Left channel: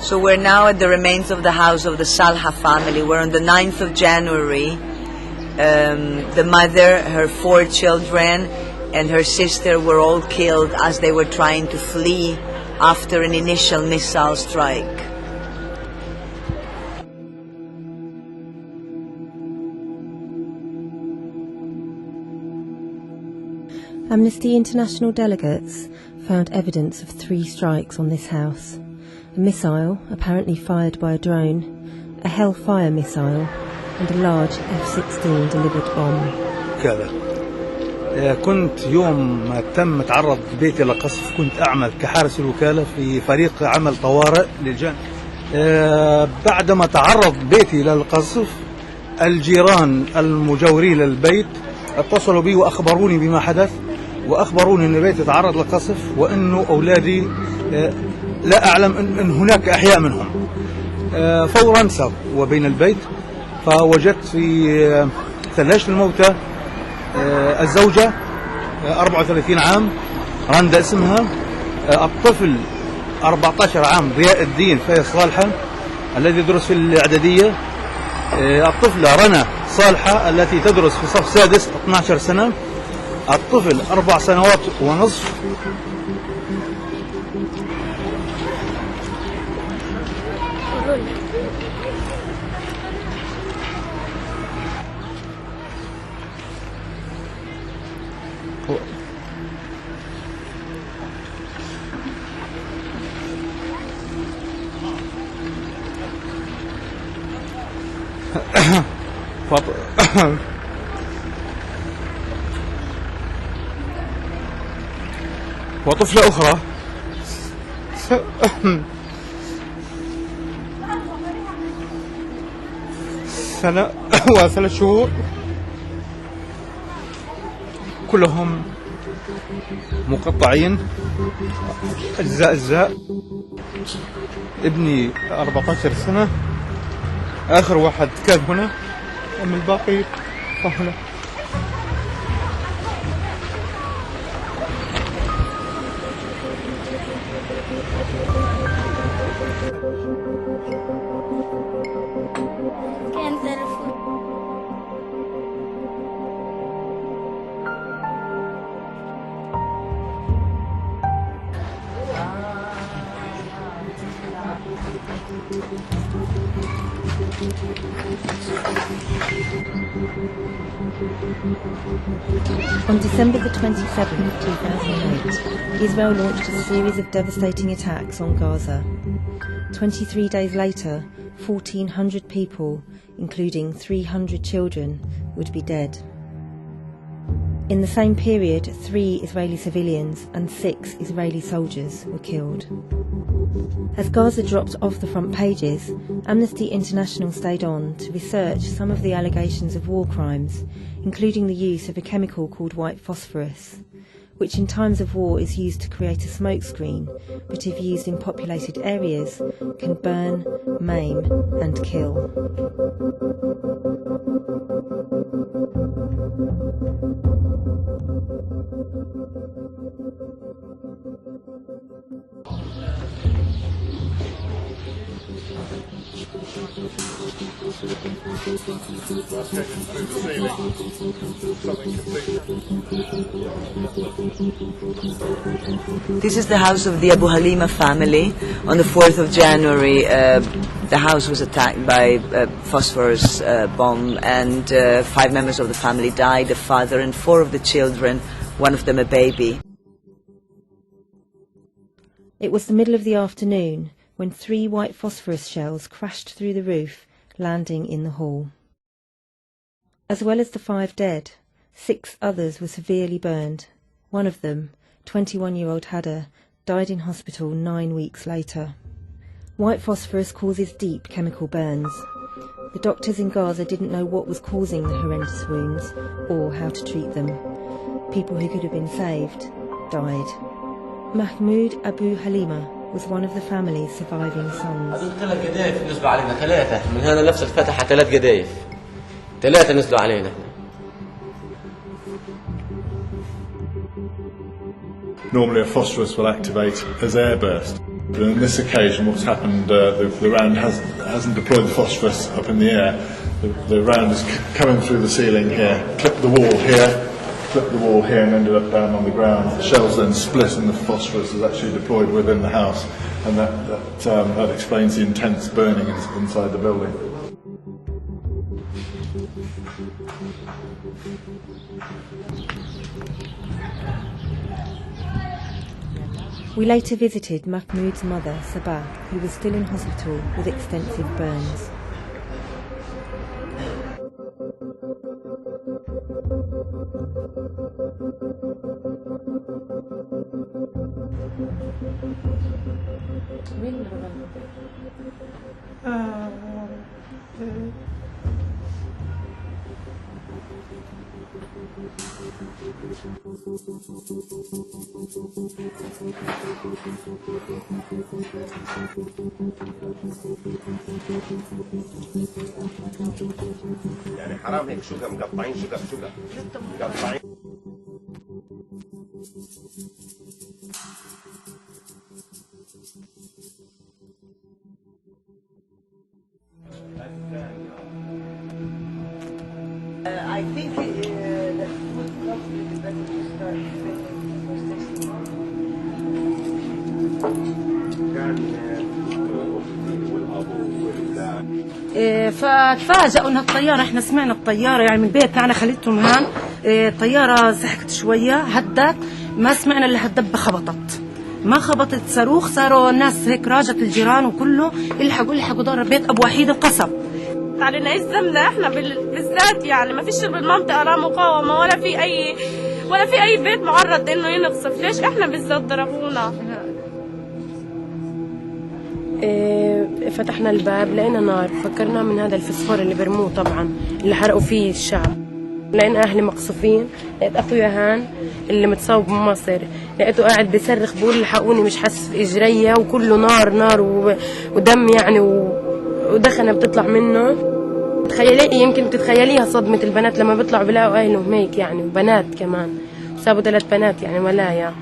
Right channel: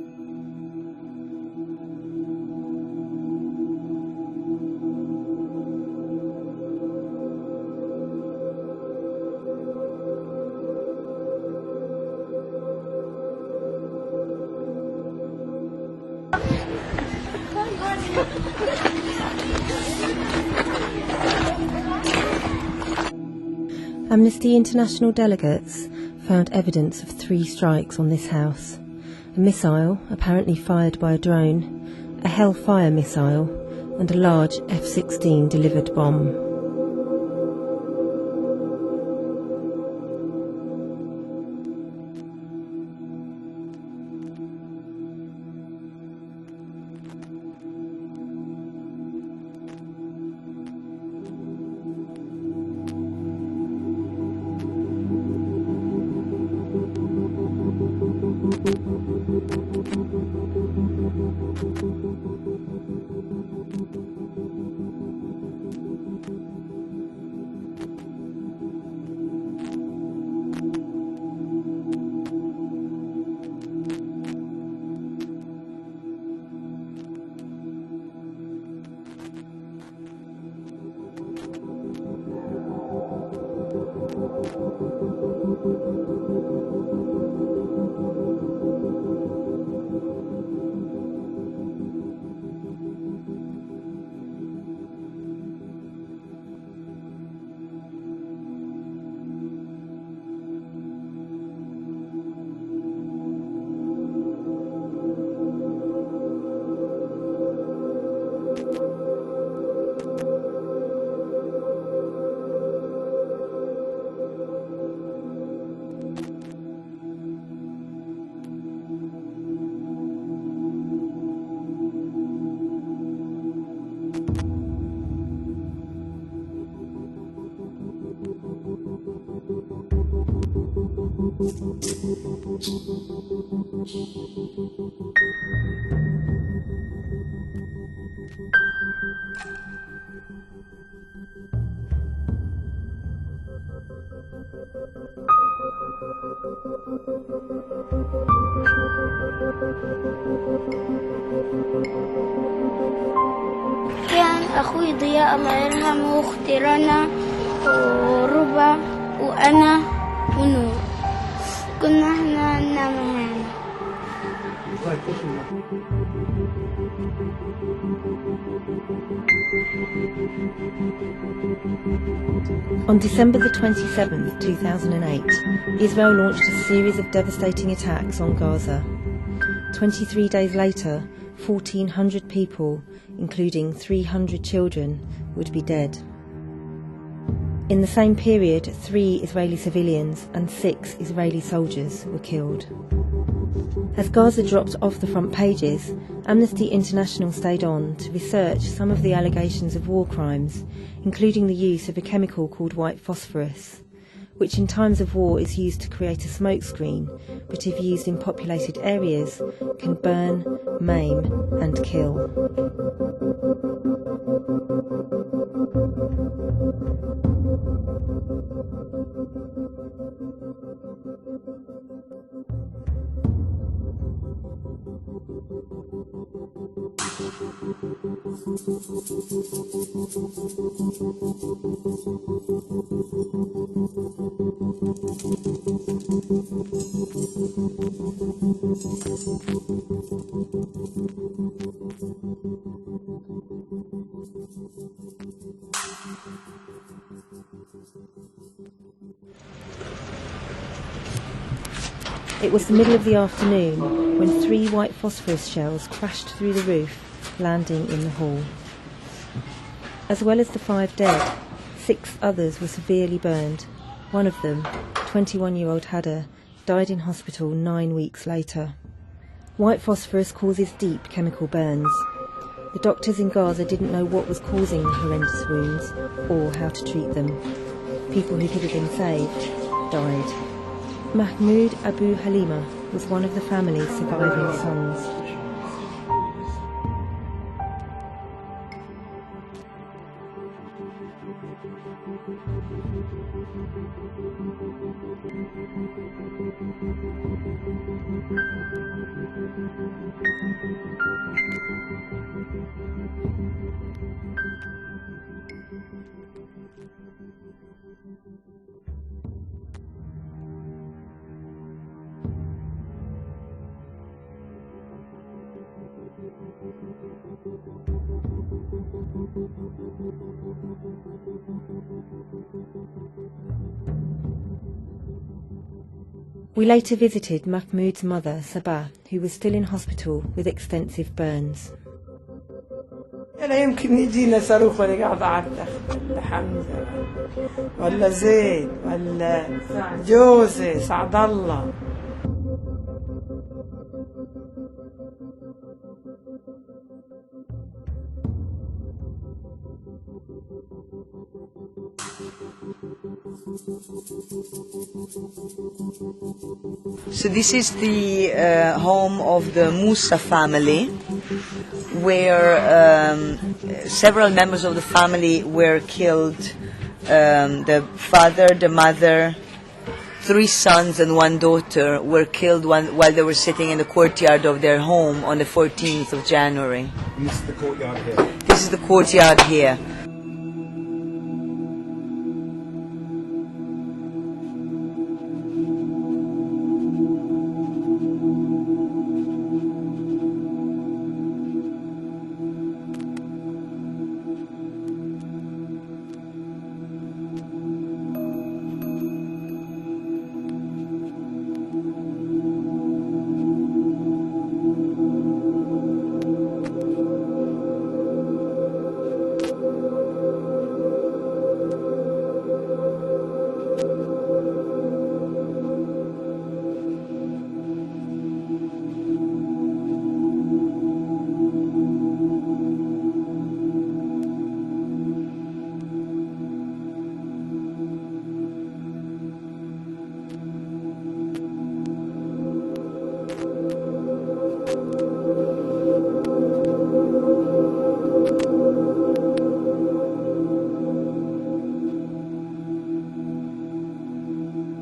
So we're now at the remains of the house of the Salha family. We're on the 9th of January. The mother, her 4 children, and her sister were all killed as they were trying to flee after an initial missile strike. Amnesty International delegates found evidence of 3 strikes on this house. A missile, apparently fired by a drone, a Hellfire missile, and a large F-16 delivered bomb. كنت يوم ما تم تعرض بيتي لقصف كنت أعمل كحارس الوكالة في فريق عمل طوارئ للجان. بعدما تعرض بيتي للقصف الجيران المجاورين للبيت اتصلوا بي وأخبروني بما حدث وأخبروني أن بيتي تعرض للقصف وأنه أولادي لا أعلم أن هناك أحياء منهم. فورا سار وبين البيت فوجدت في ثلاجة الموتى الزوجة 34 عام رندا اسمها، الطفل 14 عام ضياء الدين فايز صالحة الذي يدرس في الإعدادية، الطفلة رنا صالحة التي تدرس في صف سادس 12 سنة، الطفل 4 سنوات ونصف. وطفلة أخرى سنة و3 شهور، كلهم مقطعين أجزاء. ابني 14 سنة، آخر واحد كان هنا، أما الباقي فهنا. كان أخوي ضياء الله يرحمه وأختي رنا وربا وأنا ونور، كنا احنا ننام معي. On December the 27th, 2008, Israel launched a series of devastating attacks on Gaza. 23 days later, 1,400 people, including 300 children, would be dead. In the same period, 3 Israeli civilians and 6 Israeli soldiers were killed. As Gaza dropped off the front pages, Amnesty International stayed on to research some of the allegations of war crimes, including the use of a chemical called white phosphorus, which in times of war is used to create a smokescreen, but if used in populated areas, can burn, maim and kill. This is the house of the Abu Halima family. On the 4th of January, the house was attacked by a phosphorus bomb, and 5 members of the family died, the father and 4 of the children, one of them a baby. It was the middle of the afternoon when 3 white phosphorus shells crashed through the roof, landing in the hall. As well as the 5 dead, 6 others were severely burned. One of them, 21-year-old Hada, died in hospital 9 weeks later. White phosphorus causes deep chemical burns. The doctors in Gaza didn't know what was causing the horrendous wounds or how to treat them. People who could have been saved died. Mahmoud Abu Halima was one of the family's surviving sons. 3 نزلوا علينا. Normally a phosphorus will activate as airburst. But on this occasion, what's happened, the round hasn't deployed the phosphorus up in the air. The round is coming through the ceiling here, clipped the wall here, and ended up down on the ground. The shells then split and the phosphorus is actually deployed within the house, and that explains the intense burning inside the building. We later visited Mahmoud's mother, Sabah, who was still in hospital with extensive burns. أنا يمكن يجينا صاروخ ولا قاعد أعرف حمزة ولا زيد ولا جوزي سعد الله. So this is the home of the Musa family, where several members of the family were killed. The father, the mother, 3 sons and 1 daughter were killed while they were sitting in the courtyard of their home on the 14th of January. This is the courtyard here. This is the courtyard here. I think فتفاجئوا انها الطياره، احنا سمعنا الطياره يعني من بيتنا، انا خليتهم هان، الطياره سحقت شويه هدت، ما سمعنا الا هالدبه خبطت، ما خبطت صاروخ، صاروا الناس هيك راجت الجيران وكله الحقوا دار البيت ابو وحيد انقصف. علينا يلزمنا احنا بالذات، يعني ما فيش بالمنطقه لا مقاومه ولا في اي بيت معرض انه ينقصف، ليش احنا بالذات ضربونا؟ فتحنا الباب لقينا نار، فكرنا من هذا الفسفور اللي برموه طبعا اللي حرقوا فيه الشعب. لقينا اهلي مقصوفين، لقيت اخويا هان اللي متصاب بمصر، لقيته قاعد بيصرخ بيقول الحقوني مش حاسس باجريا وكله نار ودم يعني ودخنه بتطلع منه. تخيلي يمكن تتخيليها صدمه البنات لما بيطلعوا بيلاقوا اهلهم هيك يعني، وبنات كمان، سابوا 3 بنات يعني ولايا.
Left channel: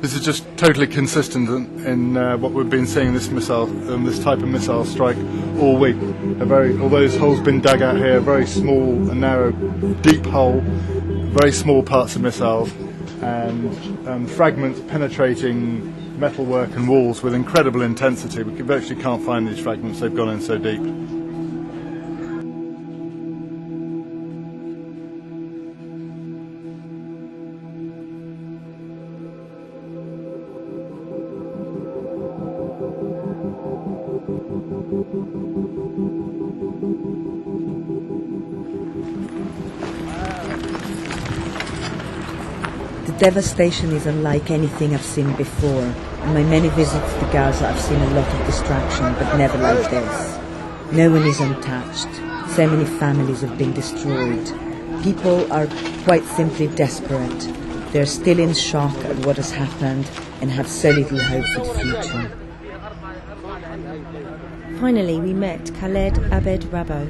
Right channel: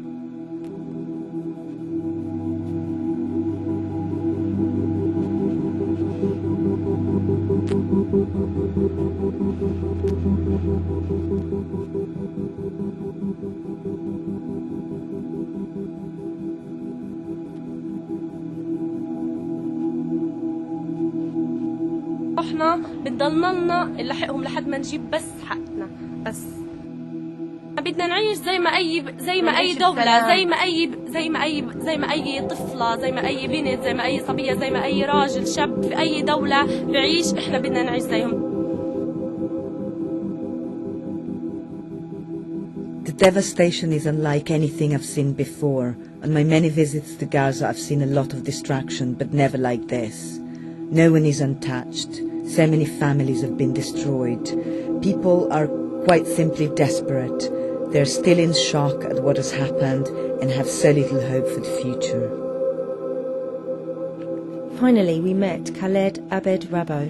This is just totally consistent in what we've been seeing this type of missile strike all week. Although this hole's been dug out here, very small and narrow, deep hole, very small parts of missiles, and fragments penetrating metalwork and walls with incredible intensity. We virtually can't find these fragments; they've gone in so deep. احنا بتضلنا لنا نلحقهم لحد ما نجيب بس حقنا، بس بدنا نعيش زي ما اي دولة، زي ما اي طفلة، زي ما اي بنت، زي ما اي صبية، زي ما اي راجل شاب في اي دولة بعيش، احنا بدنا نعيش زيهم. The devastation is unlike anything I've seen before. In my many visits to Gaza, I've seen a lot of destruction, but never like this. No one is untouched. So many families have been destroyed. People are quite simply desperate. They're still in shock at what has happened and have so little hope for the future. Finally, we met Khaled Abed Rabo.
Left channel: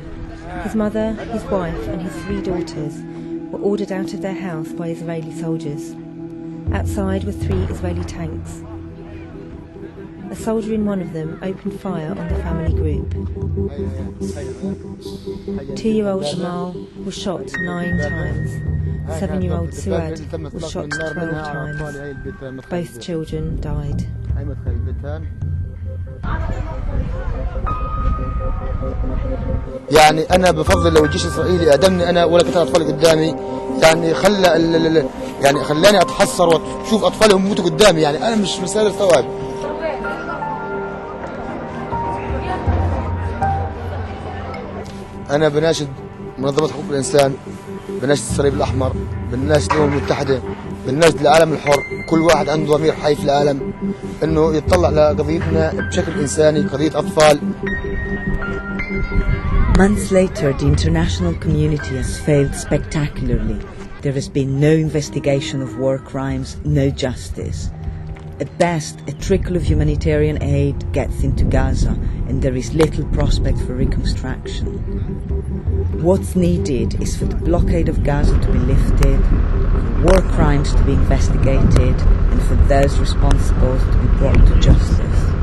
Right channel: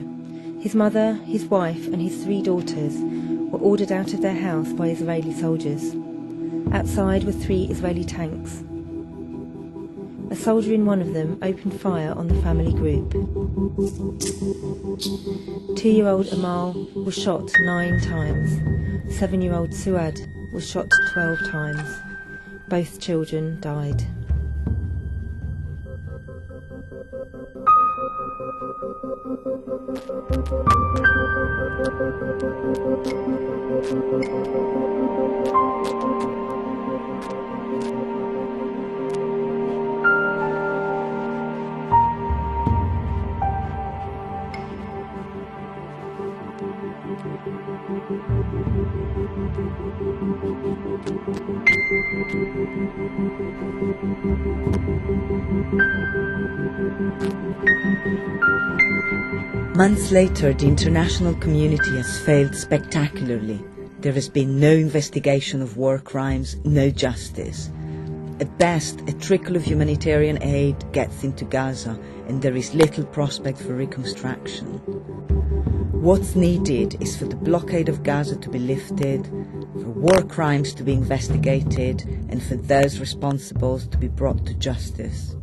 His mother, his wife and his 3 daughters were ordered out of their house by Israeli soldiers. Outside were 3 Israeli tanks. A soldier in one of them opened fire on the family group. 2-year-old Amal was shot 9 times. 7-year-old Suad was shot 12 times. Both children died. يعني أنا بفضل لو الجيش الإسرائيلي أدمني أنا ولا 3 أطفال قدامي، يعني خلاني أتحسر وأشوف أطفالهم يموتوا قدامي، يعني أنا مش مسألة ثواب. أنا بناشد منظمات حقوق الإنسان، بناشد الصليب الأحمر، بناشد الأمم المتحدة، بناشد العالم الحر، كل واحد عنده ضمير حي في العالم إنه يتطلع لقضيتنا بشكل إنساني، قضية أطفال. Months later, the international community has failed spectacularly. There has been no investigation of war crimes, no justice. At best, a trickle of humanitarian aid gets into Gaza, and there is little prospect for reconstruction. What's needed is for the blockade of Gaza to be lifted, for war crimes to be investigated, and for those responsible to be brought to justice.